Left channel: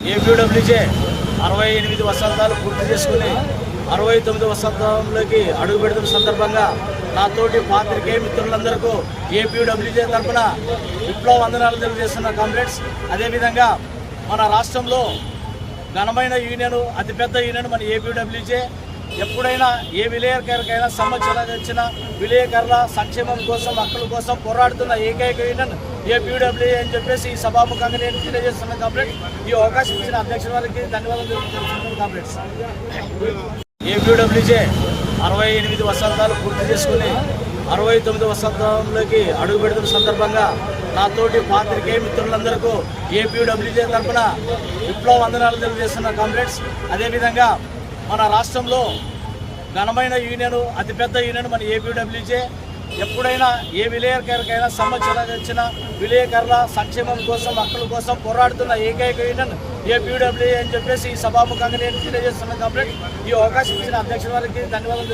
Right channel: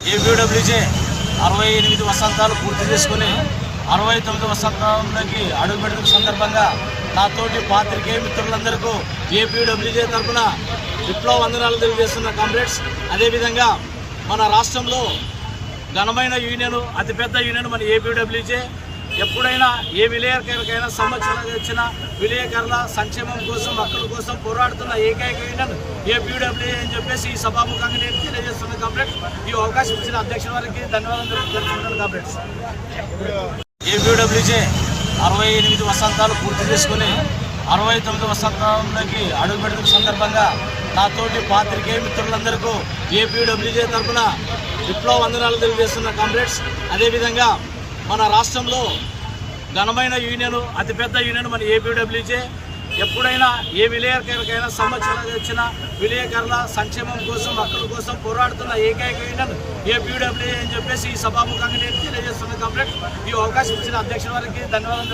APWJ అరవై ఎనిమిది వసంతాలు పూర్తి చేసుకుని అరవై తొమ్మిది వసంతంలోకి అడుగు పెడుతున్న సందర్భంగా నాతోటి పాత్రికే పాత్రికేయ మిత్రులందరికీ ఏపీడబ్ల్యూజే తరఫున విప్లవ వందనాలు తెలియజేస్తున్న కామ్రేడ్స్. అదేవిధంగా మన రాష్ట్రంలో ఘనమైన యూనియన్ అతిపెద్ద యూనియన్ మన ఏపీడబ్ల్యూజే ఎప్పుడైనా ఏ విలేకరికైనా సంవత్సరాలు వచ్చిన విలేకరుల సంక్షేమం కోసం హక్కుల కోసం పోరాడుతున్న ఏకైక యూనియన్ ఏపీడబ్ల్యూ అని చెప్పేసి ఈ సభాముఖంగా నేను తెలియజేస్తున్న కామ్రేడ్స్ ఈ అవకాశం ఇచ్చిన అధ్యక్షుల వారికి ధన్యవాదాలు తెలుపుతున్నాను కామ్రేడ్స్ ఏపీడబ్ల్యూజే అరవై ఎనిమిది వసంతాలు పూర్తి చేసుకుని అరవై తొమ్మిది వసంతంలోకి అడుగు పెడుతున్న సందర్భంగా నాతోటి పాత్రికే పాత్రికేయ మిత్రులందరికీ ఏపీడబ్ల్యూజే తరఫున విప్లవ వందనాలు తెలియజేస్తున్న కామ్రేడ్స్ అదేవిధంగా మన రాష్ట్రంలో ఘనమైన యూనియన్ అతిపెద్ద యూనియన్ మన ఏపీడబ్ల్యూజే. ఎప్పుడైనా ఏ విలేకరికైనా సంబంధించిన వచ్చిన విలేకరుల సంక్షేమం కోసం హక్కుల కోసం పోరాడుతున్న ఏకైక యూనియన్ ఏపీడబ్ల్యూ అని చెప్పేసి ఈ సభాముఖంగా నేను తెలియజేస్తున్న కామ్రేడ్ ఈ అవకాశం ఇచ్చిన అధ్యక్షుల వారికి ధన్యవాదాలు